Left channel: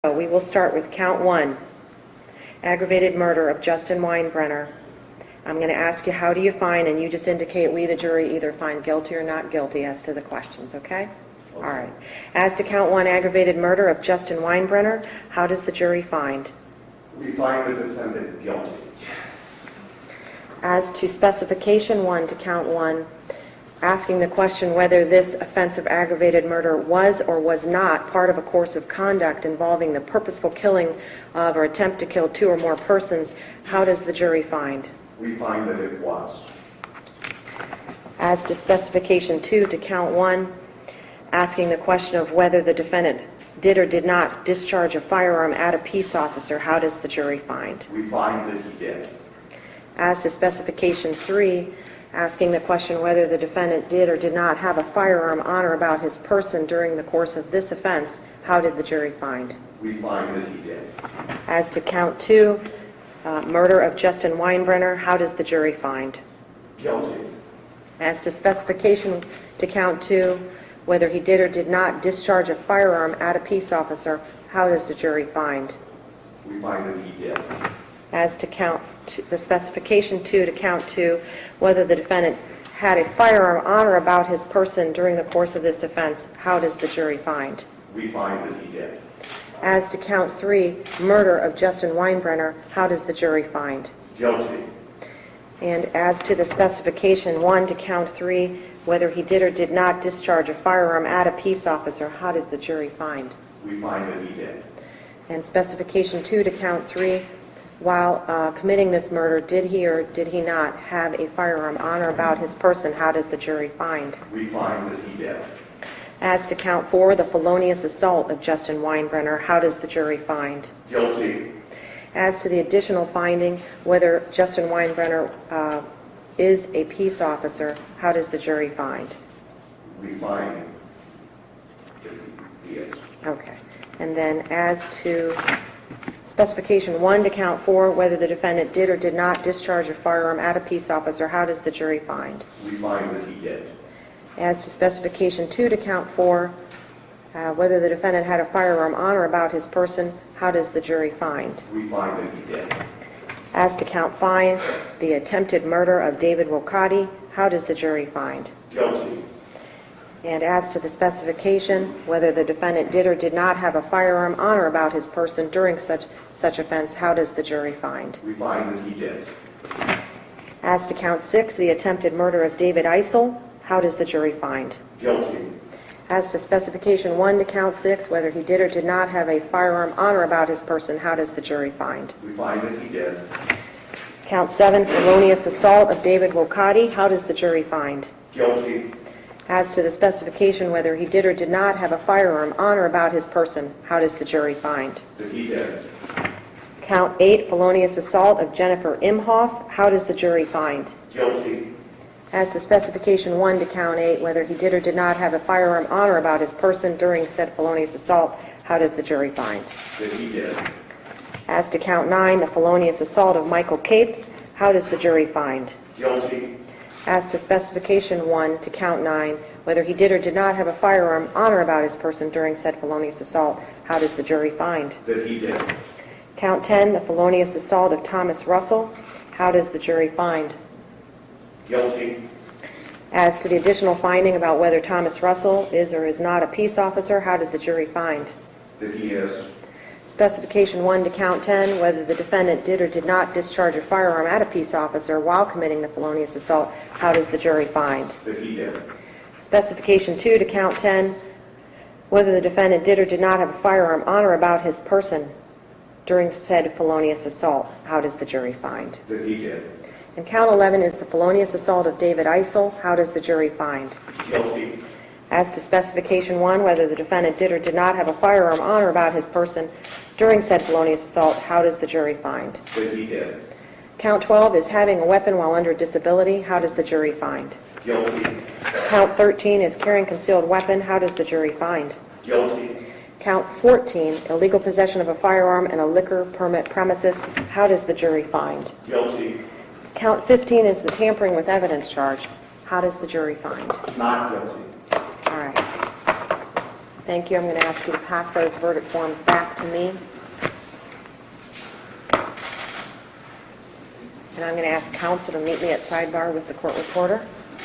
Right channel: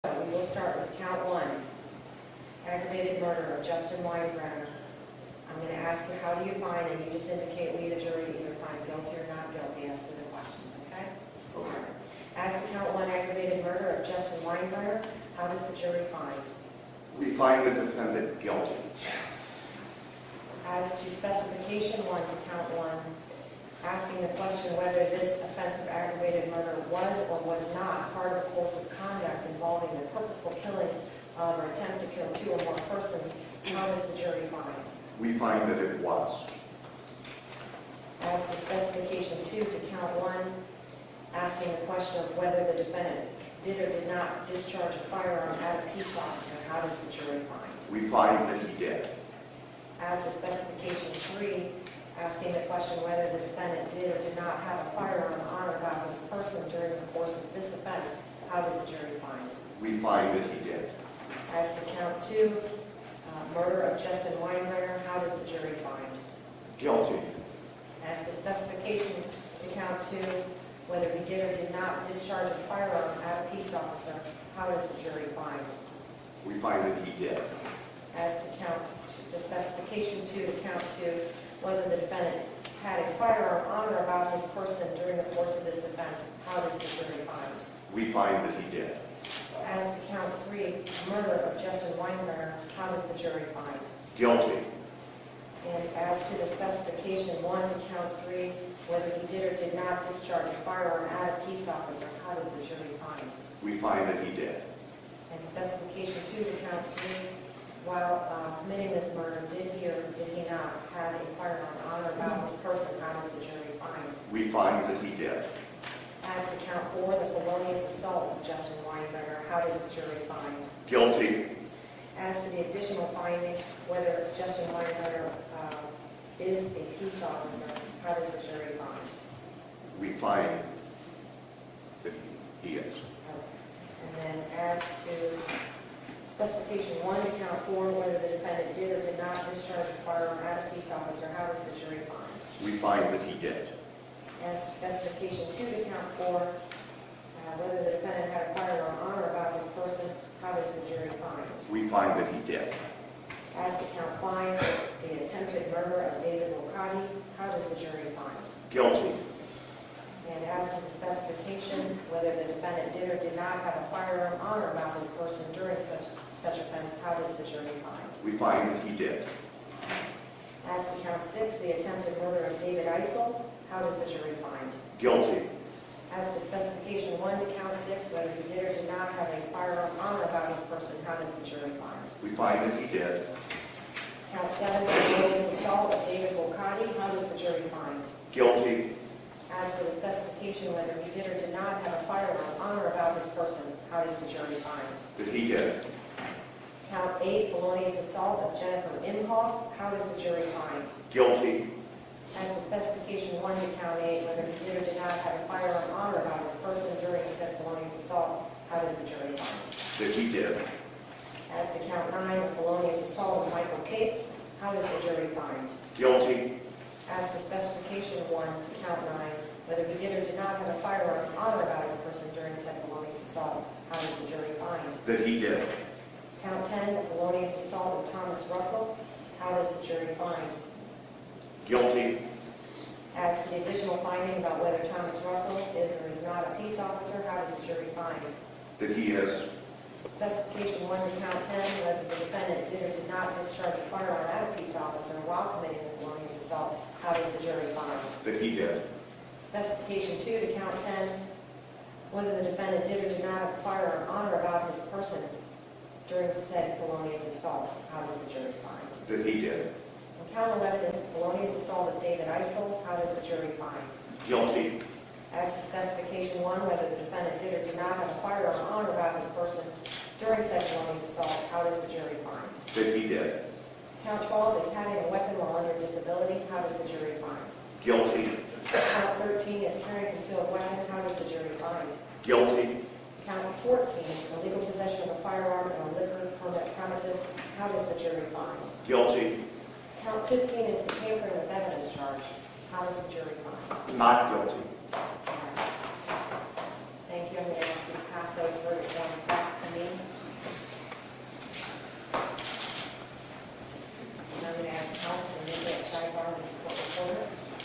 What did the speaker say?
So we will start with count one, aggravated murder of Justin Winebrenner. I'm going to ask you, how do you find, and you just indicate we, the jury, either find guilty or not guilty as to the questions, okay? All right. As to count one, aggravated murder of Justin Winebrenner, how does the jury find? We find the defendant guilty. As to specification one to count one, asking the question whether this offense of aggravated murder was or was not part of a course of conduct involving the purposeful killing of or attempt to kill two or more persons, how does the jury find? We find that it was. As to specification two to count one, asking the question of whether the defendant did or did not discharge a firearm at a peace officer, how does the jury find? We find that he did. As to specification three, asking the question whether the defendant did or did not have a firearm on or about his person during the course of this offense, how did the jury find? We find that he did. As to count two, murder of Justin Winebrenner, how does the jury find? Guilty. As to specification to count two, whether he did or did not discharge a firearm at a peace officer, how does the jury find? We find that he did. As to count the specification two to count two, whether the defendant had a firearm on or about his person during the course of this offense, how does the jury find? We find that he did. As to count three, murder of Justin Winebrenner, how does the jury find? Guilty. And as to the specification one to count three, whether he did or did not discharge a firearm at a peace officer, how did the jury find? We find that he did. And specification two to count three, while committing this murder, did he or did he not have a firearm on or about his person, how does the jury find? We find that he did. As to count four, the felonious assault of Justin Winebrenner, how does the jury find? Guilty. As to the additional finding, whether Justin Winebrenner is a peace officer, how does the jury find? We find that he is. Okay. And then as to specification one to count four, whether the defendant did or did not discharge a firearm at a peace officer, how does the jury find? We find that he did. As to specification two to count four, whether the defendant had a firearm on or about his person, how does the jury find? We find that he did. As to count five, the attempted murder of David Wilcotti, how does the jury find? Guilty. And as to the specification, whether the defendant did or did not have a firearm on or about his person during such offense, how does the jury find? We find that he did. As to count six, the attempted murder of David Eisel, how does the jury find? Guilty. As to specification one to count six, whether he did or did not have a firearm on or about his person, how does the jury find? We find that he did. Count seven, felonious assault of David Wilcotti, how does the jury find? Guilty. As to the specification whether he did or did not have a firearm on or about his person, how does the jury find? That he did. Count eight, felonious assault of Jennifer Imhoff, how does the jury find? Guilty. As to specification one to count eight, whether he did or did not have a firearm on or about his person during said felonious assault, how does the jury find? That he did. As to count nine, the felonious assault of Michael Capes, how does the jury find? Guilty. As to specification one to count nine, whether he did or did not have a firearm on or about his person during said felonious assault, how does the jury find? That he did. Count 10, the felonious assault of Thomas Russell, how does the jury find? Guilty. As to the additional finding about whether Thomas Russell is or is not a peace officer, how did the jury find? That he is. Specification one to count 10, whether the defendant did or did not discharge a firearm at a peace officer while committing the felonious assault, how does the jury find? That he did. Specification two to count 10, whether the defendant did or did not have a firearm on or about his person during said felonious assault, how does the jury find? That he did. And count 11 is the felonious assault of David Eisel, how does the jury find? Guilty. As to specification one, whether the defendant did or did not have a firearm on or about his person during said felonious assault, how does the jury find? That he did. Count 12 is having a weapon while under disability, how does the jury find? Guilty. Count 13 is carrying concealed weapon, how does the jury find? Guilty. Count 14, illegal possession of a firearm in a liquor permit premises, how does the jury find? Guilty. Count 15 is the tampering with evidence charge, how does the jury find? Not guilty. All right. Thank you. I'm going to ask you to pass those verdict forms back to me. And I'm going to ask counsel to meet me at sidebar with the court reporter.